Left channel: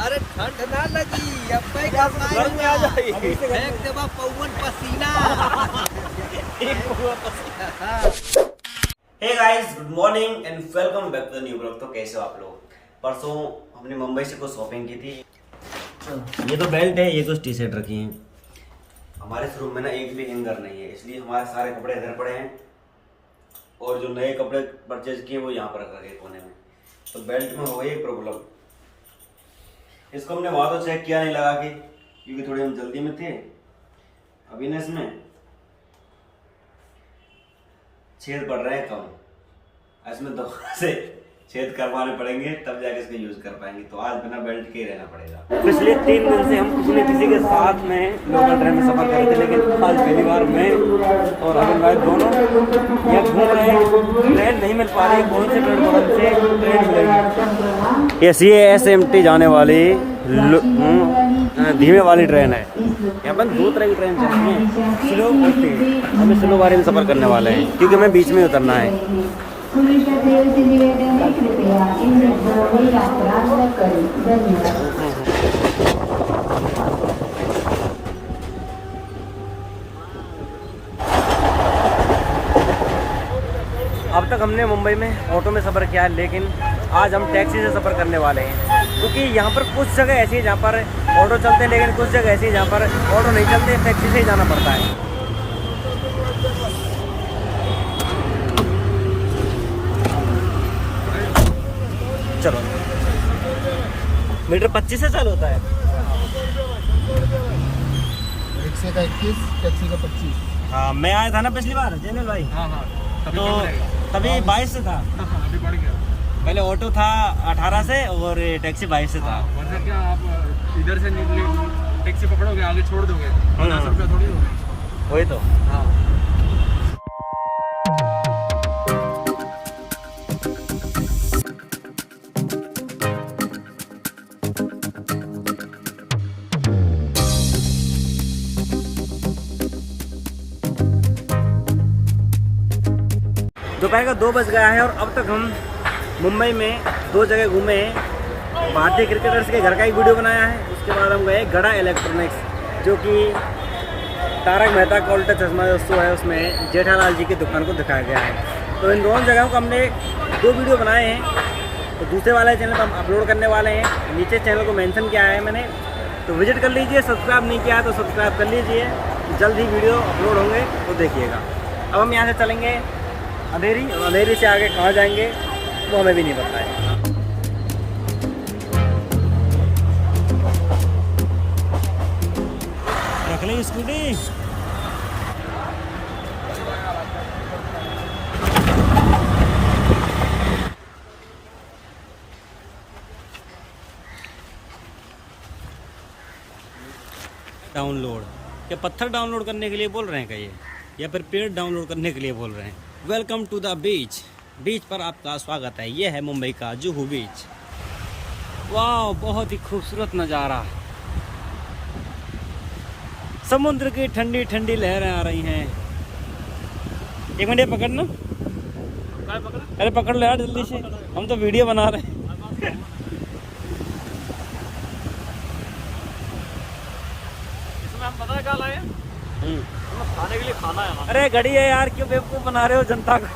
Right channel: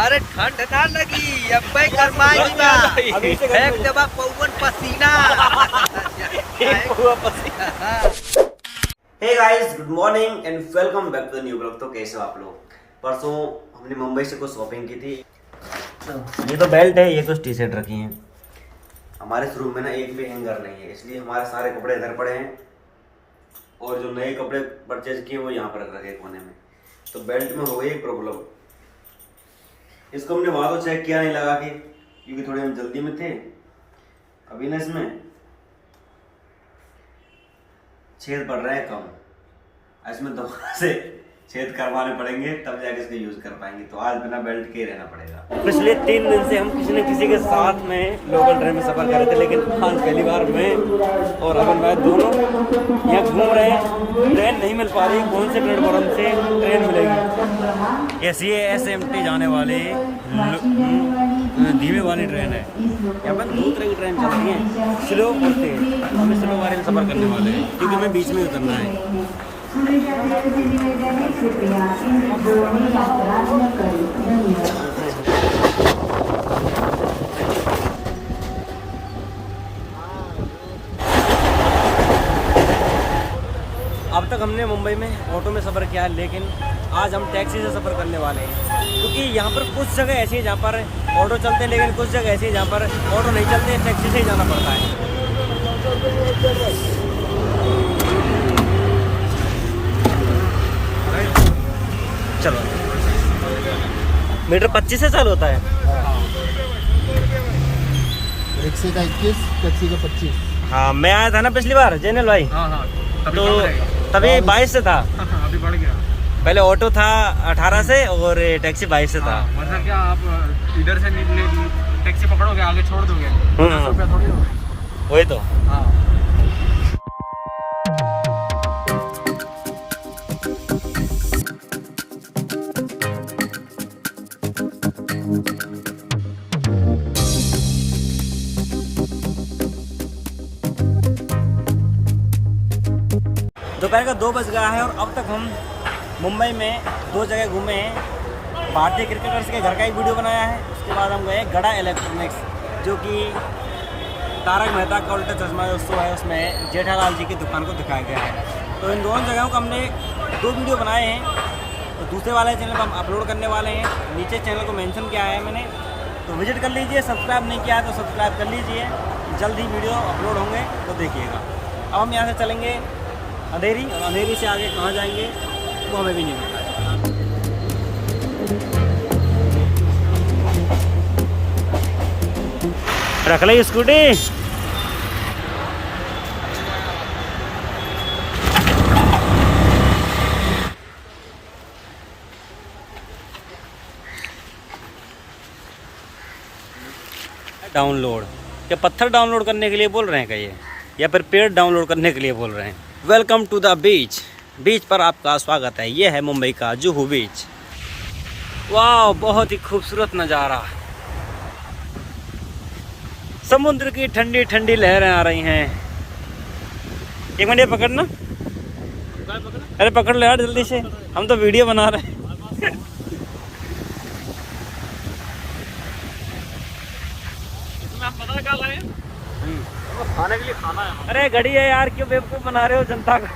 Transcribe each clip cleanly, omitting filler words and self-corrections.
अरे ठंड ना लगी अब भाई गरमाई बा एक दबा पवन पसीना। Hey guys, good morning and welcome back to new blog. तो कैसे हो आप लोग? परसों हमने मुंबई से कुछ शॉपिंग की थी। ये तो बेल्ट है, ये कुछ टी शर्ट रखी हैं। हमारे इस रूम में ना एक भी हैंगर नहीं है, इसलिए हमारे सारे कपड़े इधर पड़े हैं और जो नए कपड़े परचेज किए वो यहाँ पर रख रखे कोने में। तो बेल्ट में हो गई एक प्रॉब्लम। इसको हमने वहां तो चेक किया नहीं लगा के, क्योंकि थोड़े हम जल्दी में थे। अभी ना इसमें छेद पड़ रहे हैं कम, इसमें दोबारा से छेद करवाने पड़ेंगे तब जाके इसको यूज कर पाएंगे। तो आज बिना बेल्ट के रहना पड़ेगा। पिछले 3 दिन से हम किसी न किसी के साथ में लोकल ट्रेन में सफर कर रहे थे, लेकिन आज पहली बार मैं और अबिन भाई दोनों यहाँ घूम रहे हैं। ट्रेन नहीं मिल पा रही, कौन से प्लेटफॉर्म से ट्रेन मिलेगी? ये SMT जाने वाली धीमे वाली ट्रेन है। यहाँ पर 2 तरह की ट्रेन चलती हैं, स्लो और तेज। हमें स्लो वाली में सफर करने वाले हैं क्योंकि हमें बीच में उतरना है। अब तक हमने मुंबई में ऑटो में सफ़र किया है, लेकिन आज हम टैक्सी से सफ़र करने वाले हैं। क्योंकि यहाँ पर कुछ जगह ऐसी है जहाँ पर ऑटो चलते हैं, लेकिन कुछ जगह ऐसी है जहाँ पर ऑटो नहीं चलते, टैक्सी से ही जाना पड़ता है। चलो, मीटर 25 से चालू होता है। रिक्शे का 21, टैक्सी का 25। हाँ, मैं आया था ना पिछली बार जैनल भाई। हाँ, तो तभी 22 से था। अभी बढ़ गया। पहले ऑटो था 18 से और टैक्सी 22 से था। मतलब क्या आप इधर से निकले टैक्सी पकड़ोगे, आगे छोड़ दोगे, 10 रुपया थोड़ी होगा। वही तो। हाँ। दोपहर का 2 बज गया है और अब तक हम मुंबई में 2 जगह घूमे हैं। भारतीय क्रिकेटर्स के घर का एक वीडियो बनाया है, उसके बाद हम गए गड़ा इलेक्ट्रॉनिक्स, जो कि तारक मेहता का उल्टा चश्मा जो शो है उसमें जेठालाल जी की दुकान को दिखाया गया है। तो इन दोनों जगहों को हमने 2 वीडियो बनाए हैं, तो दूसरे वाले चैनल पर हम अपलोड करने वाले हैं। नीचे चैनल को मेंशन किया है मैंने, तो विजिट कर लीजिए। सब्सक्राइब नहीं किया है तो सब्सक्राइब कर लीजिए, जल्द ही वीडियो अपलोड होंगे तो देखिएगा। अब हम यहाँ से चलेंगे अंधेरी, और अंधेरी से आगे कहाँ जाएंगे वो हमें भी नहीं पता है। रख ली स्कूटी। डाउनलोड क्या पत्थर डाउनलोड करने के लिए बोल रहे हैं क्या ये, या फिर पेड़ डाउनलोड करने के लिए बोल रहे हैं? Welcome to the beach. Beach पर आपका स्वागत है। ये है मुंबई का जुहू बीच। वाह, बहुत ही खूबसूरत नज़ारा। समुद्र की ठंडी ठंडी लहरें आ रही हैं। एक मिनट, ये पकड़ना। अरे पकड़ लो यार जल्दी से, हम तो वीडियो बना रहे हैं। इसमें हम पता है क्या लाए? खाने के लिए खाना है। अरे घड़ी है यार, क्यों बेवकूफ़ बना रहे हो जनता को?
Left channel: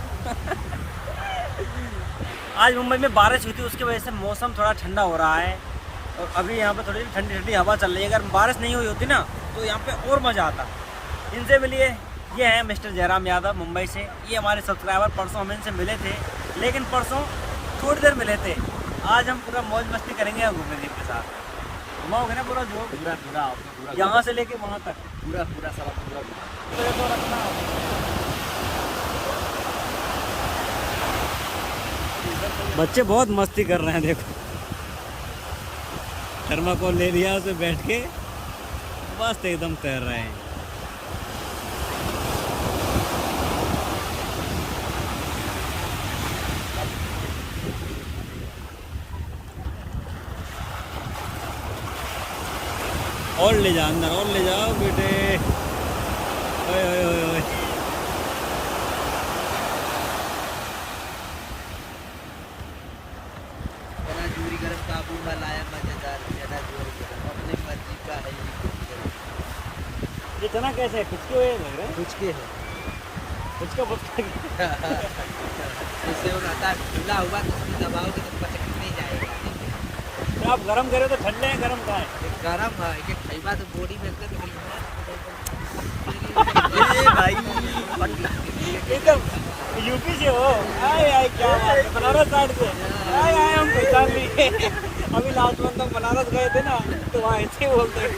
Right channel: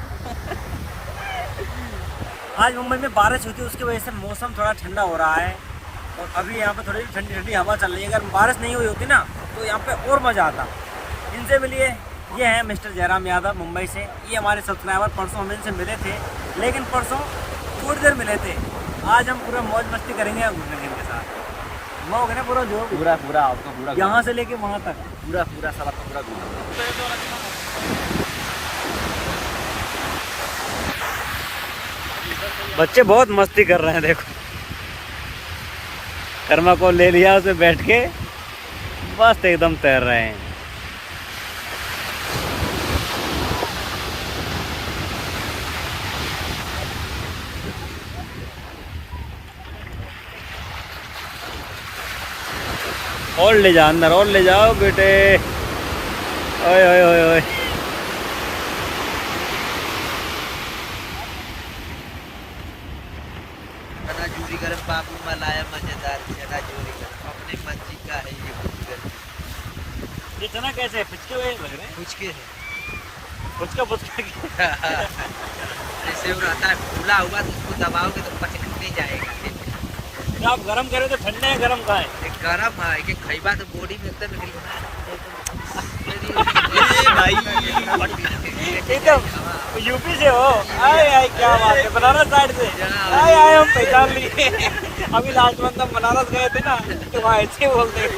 आज मुंबई में बारिश हुई थी, उसकी वजह से मौसम थोड़ा ठंडा हो रहा है और अभी यहाँ पे थोड़ी ठंडी ठंडी हवा चल रही है। अगर बारिश नहीं हुई होती ना तो यहाँ पे और मज़ा आता। इनसे मिलिए, ये हैं मिस्टर जयराम यादव मुंबई से। ये हमारे सब्सक्राइबर, परसों हम इनसे मिले थे, लेकिन परसों थोड़ी देर मिले थे। आज हम पूरा मौज मस्ती करेंगे और घूमेंगे इनके साथ। घुमाओगे ना पूरा जो? पूरा आपका पूरा यहाँ से लेके वहाँ तक पूरा सब आपका पूरा तो रखना। बच्चे बहुत मस्ती कर रहे हैं, देखो। थर्माकोल ले लिया, उसमें बैठ के बस एकदम तैर रहे हैं। और ले जा अंदर, और ले जाओ बेटे। ओए ओए ओए ओए। जोरी गरम बाबू मलाया मजेदार चना जोरी गरम अपने मर्जी का है ये गरम। ये चना कैसे है? फिचके हुए लग रहे हैं। पुचके है पुचका जैसे वो रहता है फूला हुआ तो उसको दबाओगे तो पचकने जाएगा। तो आप गरम करे तो ठंडे हैं, गरम कहाँ है? एक गरम है कि खैबा तो बॉडी में एकदम यूपी से हो? आए आए क्या बात है, बनारस साइड से आए आए हम पहचान लिए। अभी लास्ट मंथ हम बनारस गए थे ना तो वहाँ ऐसे ही बोलते हैं।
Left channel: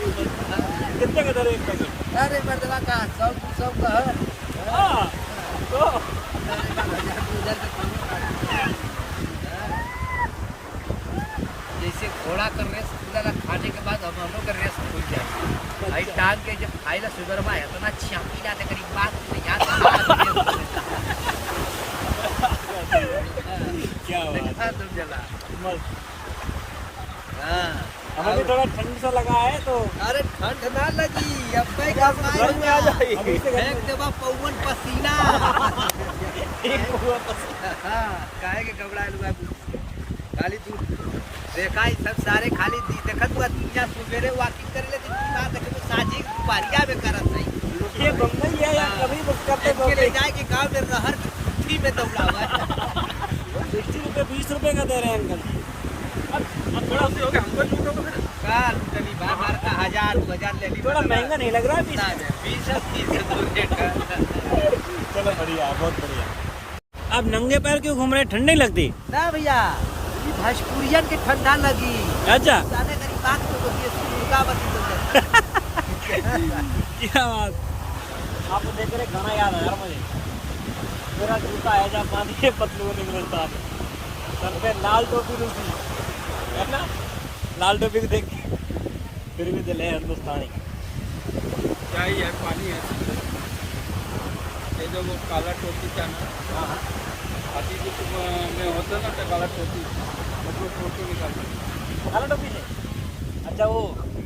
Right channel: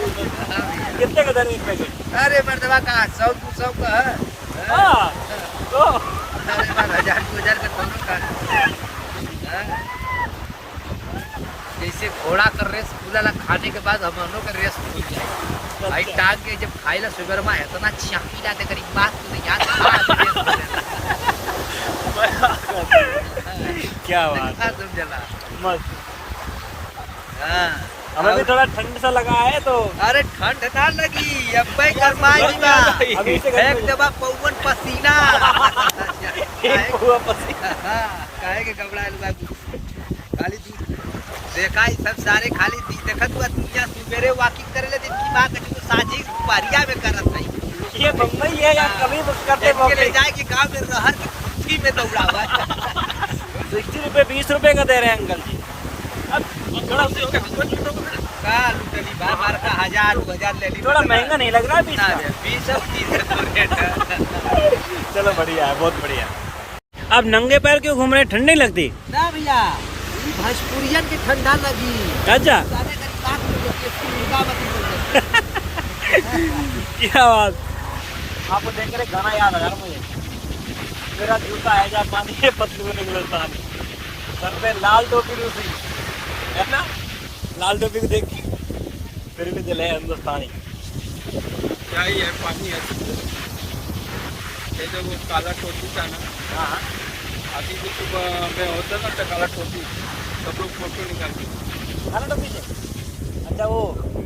कितने का दर है पैसे? अरे मर्दबा का 100-200 का है। हाँ, तो अरे बार 1000-2000 का दोनों का। जैसे घोड़ा का रेस खुला खाने के बाद हमनों का रेस खुल जाएगी। भाई टांग के जब खाइला सुगर में इतना चापी लाते करीब बात तो याद क्या बात है, तुम जला मस्त। हाँ हमें भी थोड़ा ठंड सा लगा है तो अरे ठंड ना लगी अब भाई गरमाई बा एक दबा पवन पसीना काहे के घबरा लुआ खाली तू देखा ही सब सारे खाली देखत हुआ दुनिया सुबेरे वॉकिंग करे ले दिन की बात है जो साझी पारिया में करत है। ये बम्बई है या कभी करते के ले जाए के गांव में रहर की कुर्सी में दौड़ा हुआ है। 60 रुपए 20 रुपए का दे रहे हैं अंकल जी। अब थोड़ा हो गया हमको लूटो तो फिर का लुटली बा मार का 1000-2000 ले ली थोड़ा महंगा नहीं लग रहा है 20 का? 20 और 30 तो रेट है। चलो बढ़िया है, बहुत बढ़िया। अब नंगे पैर क्यों घूम रहे हैं? ठंड नहीं लगती? ना भैया ये भोजपुरियन की ठंडा लगी। अच्छा सारे करीब बात तो देसी मुर्गा बती बोल क्या बात। आपको देख कर गाना याद आ रहा मुझे। मेरा जूता है जा पानी पतलून हिंदुस्तान, सर पे लाल टोपी रूसी है ना, लाल टोपी को देख फिर भी दिल है हिंदुस्तानी। क्या ही है, पानी है। ये जो वो काला टोपी था ना, हाँ अभी तो सुबह में होता ना तो काला टोपी सब लोग फोटो निकालते। काला टोपी से? अच्छा वो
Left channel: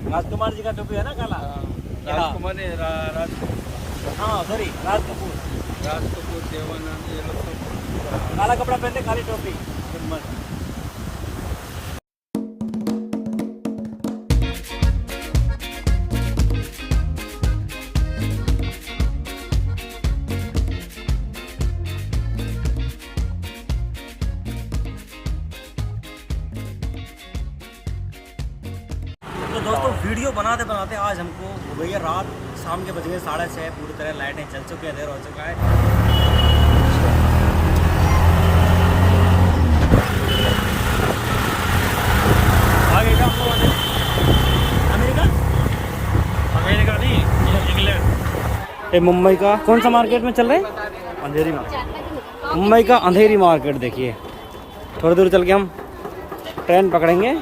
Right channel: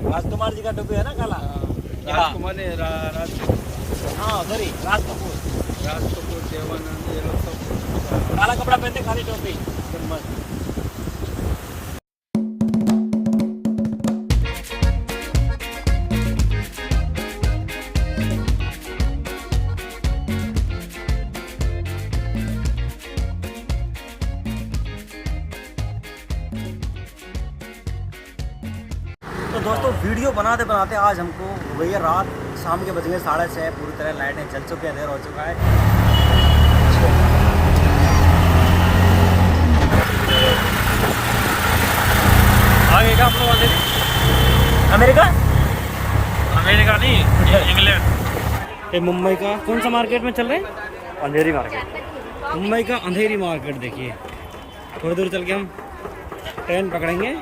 राजकुमार जी का टोपी है ना काला? राजकुमार ने राज हाँ सॉरी राज कपूर देवानंद ये लोग सब काला कपड़ा पहनते काली टोपी मस्त। तो दोस्तों वीडियो बनाते बनाते आज हमको हो गई है रात, शाम के बज गए 6:30, पूरी तरह लाइटें जल चुकी है, अंधेर हो चुका है। आगे का हम लोग अमेरिका अमेरिका नहीं, इंग्लैंड। ये मुंबई का कौन सा मार्केट में चल रहे हैं? अंधेरी मार्केट। मुंबई का अंधेरी मार्केट देखिए। थोड़ी दूर चल के हम ट्रेन पकड़ेंगे।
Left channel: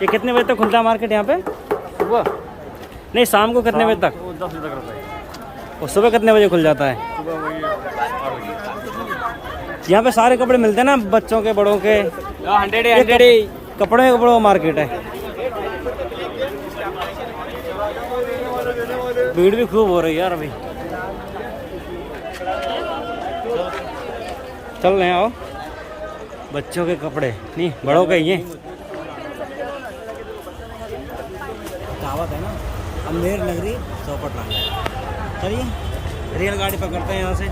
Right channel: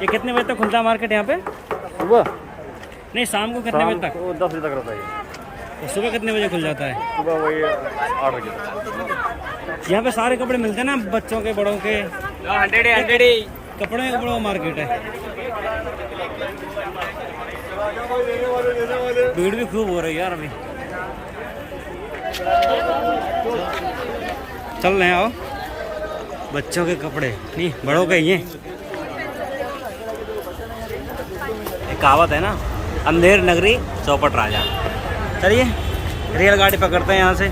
ये कितने बजे तक खुलता है मार्केट यहाँ पे? सुबह नहीं, शाम को कितने बजे तक? 10 बजे तक रहता है। और सुबह कितने बजे खुल जाता है? सुबह वही 8 बजे। यहाँ पे सारे कपड़े मिलते हैं ना, बच्चों के बड़ों के? कपड़ों का मार्केट है। भीड़ भी खूब हो रही है यार अभी। चल रहे हैं, आओ। बच्चों के कपड़े नहीं, बड़ों के ही हैं। कहावत है ना, अंधेर नगरी चौपट राजा। चलिए रेलगाड़ी पकड़ते हैं यहाँ से।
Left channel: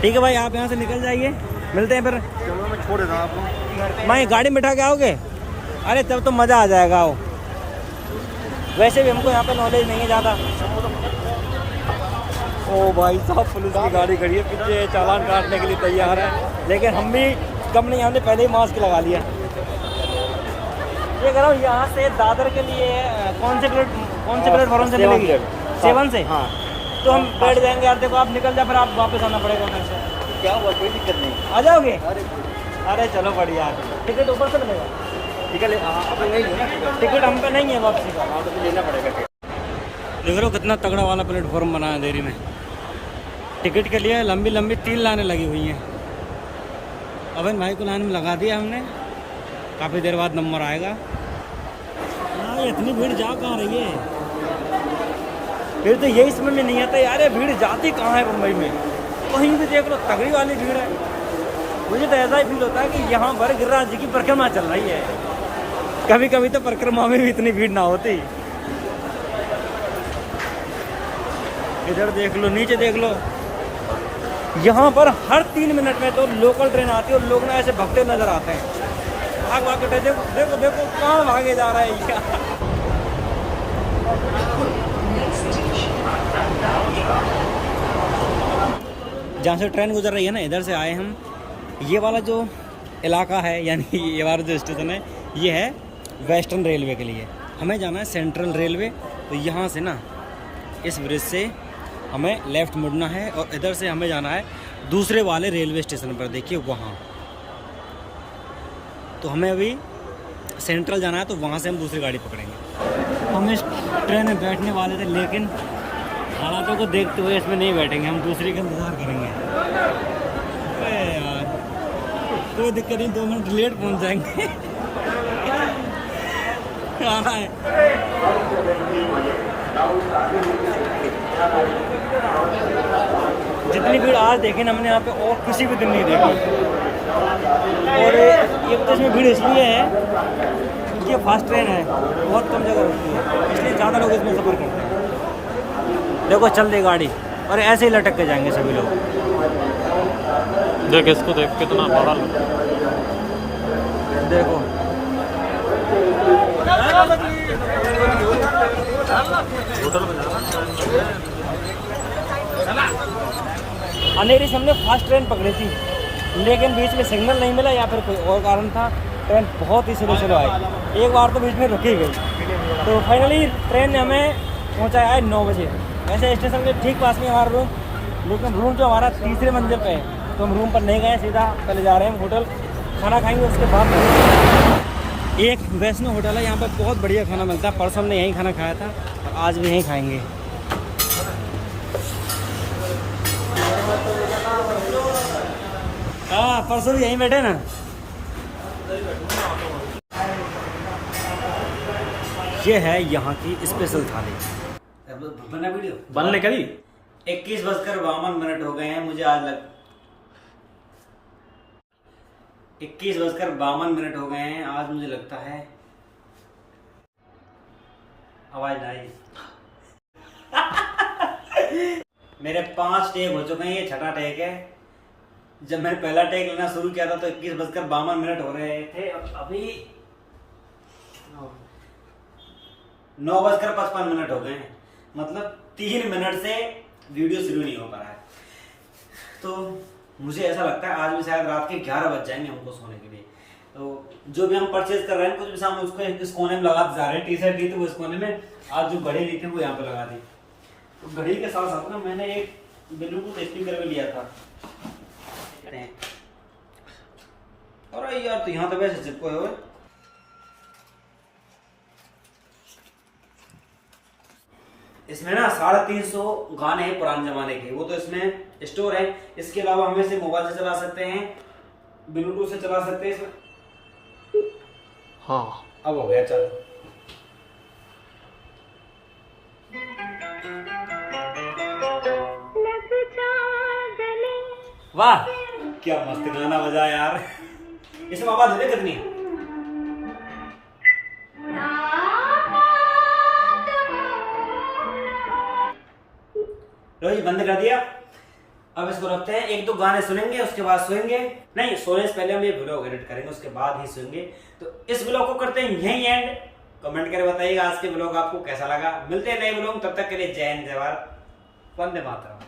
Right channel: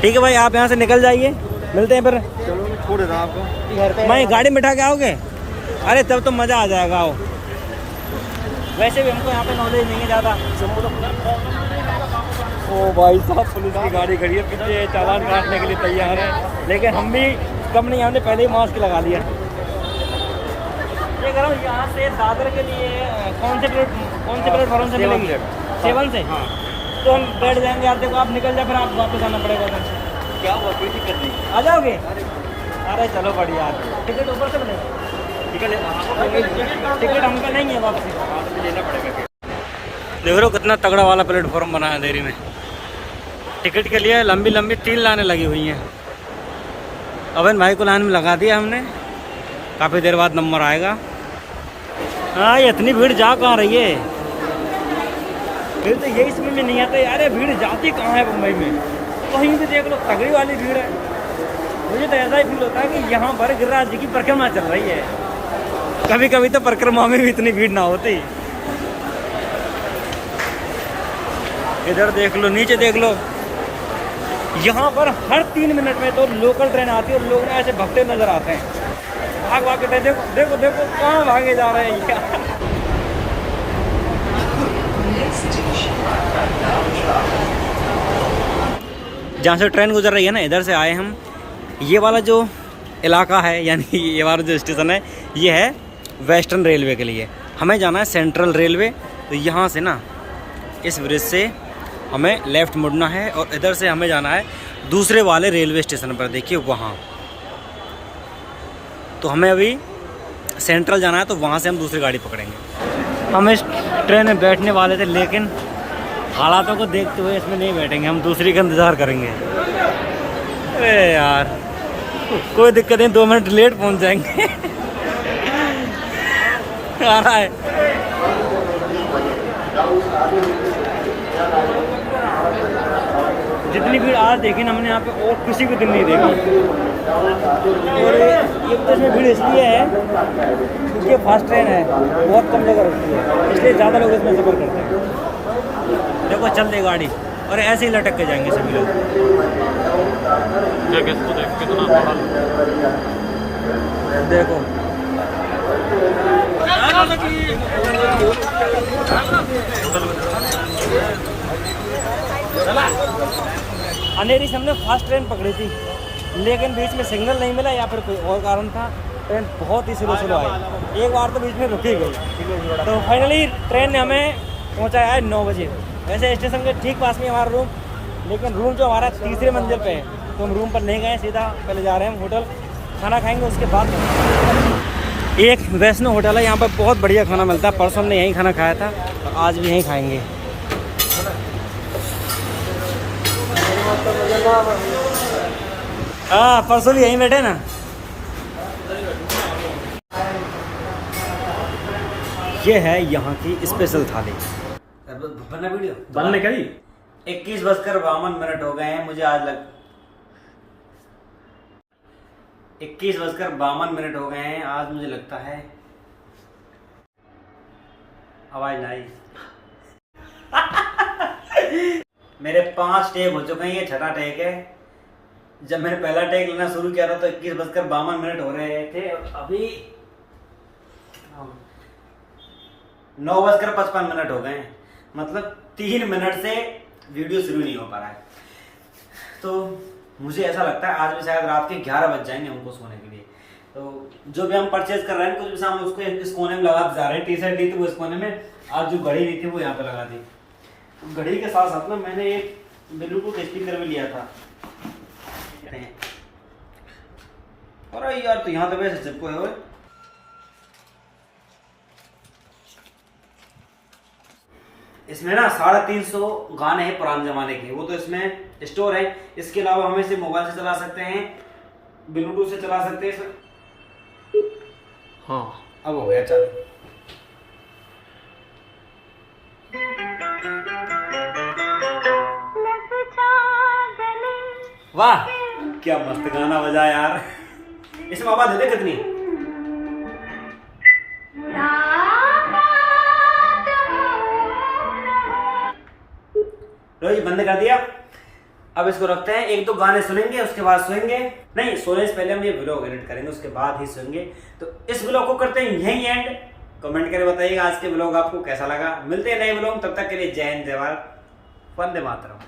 ठीक है भाई, आप यहाँ से निकल जाइए, मिलते हैं फिर। चलो मैं छोड़ देता हूँ आपको। मैं गाड़ी में बिठा के आओगे? अरे तब तो मज़ा आ जाएगा। आओ, वैसे भी हमको यहाँ पे नॉलेज नहीं है ज़्यादा। ओ भाई साहब, पुलिस की गाड़ी खड़ी है पीछे, चालान काटने के लिए तैयार है। लेकिन हम भी कम नहीं, हमने पहले ही मास्क लगा लिया। ये कह रहा हूँ, यहाँ से दादर के लिए कौन से प्लेटफॉर्म से मिलेंगे? 7 से? हाँ। तो हम बैठ जाएंगे यार। देखो आप निकल जाए, फिर आप वापस आना पड़ेगा उधर से। क्या हुआ, कोई दिक्कत नहीं, आ जाओगे? अरे चलो बढ़िया। टिकट ऊपर से मिलेगा? टिकट हम पे नहीं है वापसी का, लेना पड़ेगा। देख रहे हो कितना तगड़ा वाला प्लेटफॉर्म बना है अंधेरी में। टिकट के लिए लंबी लंबी 3 लाइनें लगी हुई हैं। अबन भाई को लाइन में लगा दिया हमने, काफ़ी देर बाद नंबर आएगा। हाँ, ये इतनी भीड़ जा कहाँ रही है? फिर तो यही समझ में नहीं आता यार, ये भीड़ जाती कहाँ है मुंबई में? कहीं भी देख लो तगड़ी वाली भीड़ है। मुझे तो ऐसा ही फील होता है कि यहाँ पर गिरिराज जी की परिक्रमा चल रही है। कभी कभी तो परिक्रमा में भी इतनी भीड़ ना होती। इधर देख लो, नीचे देख लो, यहाँ पर हर 3 मिनट में तो लोकल ट्रेन आती है और लोग ना ऐसे भगते नजर आते हैं। भाग भाग के देखो देखो देखो कहाँ भागे जा रहे हैं यार। जहाँ से ट्रेन गुजर रही है ना, इधर से आए हम। ये वाला जो इलाका है, यानी ये वाला जो स्टेशन है, ये है वेस्टर्न रेलवे के लिए। हमें जाना है सेंट्रल रेलवे। तो यहाँ से ना इस ब्रिज से हमें लेफ़्ट मुड़ना है और इधर से हमें जाना है दूसरे वाले रेलवे स्टेशन पर, देखिए वहाँ। तो हमें अभी सेंट्रल जाना है, तो वहाँ से हम दूसरी गाड़ी पकड़ेंगे। हम इस ट्रेन में बैठने वाले थे, लेकिन हालातों को देखते हुए इसमें नहीं बैठेंगे, हम दूसरी का इंतज़ार करेंगे। अरे यार कोई दिक्कत नहीं, 2 मिनट लेट पहुँच जाएंगे। आ रहा है। जितनी भीड़ आज देखी ना हमने यहाँ पे, और किसी भी दिन नहीं देखी। और एक तो इसमें भीड़ इसलिए है क्योंकि ये फास्ट ट्रेन है, बहुत कम जगह रुकती है, इसलिए ज़्यादा लोग इसमें सफ़र करते हैं। देखो चल दे गाड़ी, और ऐसे ही लटक के जाएंगे सभी लोग। देख इसको, देख के देखो अंधेरी से हमने फास्ट ट्रेन पकड़ी थी, लेकिन बीच में सिग्नल नहीं मिला या फिर कोई और कारण था। ट्रेन बहुत ही स्लो स्लो आई, एक बार तो बीच में रुकी गई। तो फाइनली ट्रेन ने हमें पहुंचाया है 9 बजे। वैसे स्टेशन के ठीक पास में हमारा रूम, लेकिन रूम जो हमारा 3री मंजिल पे है, तो हम रूम पर नहीं गए, सीधा पहले जा रहे हैं होटल, खाना खाएंगे उसके बाद में। एक वैष्णो होटल है, यहाँ पर बहुत बढ़िया खाना मिलता है। परसों हमने यहीं खाना खाया था और आज भी यहीं खाएंगे। हाँ, परसों भी यहीं बैठे ना। ये है यहाँ की स्पेशल थाली। बनना वीडियो बनने करी 21:52 हो गए हैं। मुझे आज 21:52 हो गए हैं। आज मुझे लगता है आवाज ना आई। मेरे 5 टेक हो चुके हैं, ये 6ठा टेक है। जब मैंने पहला टेक लेना शुरू किया था तो 21:52 हो रहे थे। अभी 9:55 हो गए हैं, मतलब 3 मिनट से वीडियो शुरू नहीं हो पा रहा है। तो मुझे ऐसा लगता है आज भी शायद रात के 11 बज जाएंगे हमको सोने के लिए। तो जो भी हम परचेज कर रहे हैं, कुछ भी सामान उसको इस कोने में लगाते जा रहे हैं। टी-शर्ट ली थी वो इस कोने में, आज जो घड़ी ली थी वो यहाँ पे लगा दी। तो घड़ी के साथ साथ ना मैंने एक ब्लूटूथ स्पीकर भी लिया था। अरे यार, तो यहाँ तो वैसे चिपकोए हुए। इसमें ना 350 गाने हैं पुराने जमाने के, वो तो इसमें स्टोर है। इसके अलावा हम इसे मोबाइल से चला सकते हैं, ब्लूटूथ से चला सकते हैं। हाँ, अब हो गया चालू। वाह, क्या मस्त गाना बजा यार। इसमें आवाज दे दे कितनी। लो ये बंद कर दिया। अब इसको रखते हैं, 1-2 गाने सुनेंगे, उसके बाद सोएंगे। नहीं, सोने से पहले हम ये व्लॉग एडिट करेंगे, उसके बाद ही सोएंगे। तो इस व्लॉग को करते हैं यहीं एंड। कमेंट करके बताइएगा आज के व्लॉग आपको कैसा लगा। मिलते हैं नए व्लॉग, तब तक के लिए जय हिंद, जय भारत, वंदे मातरम।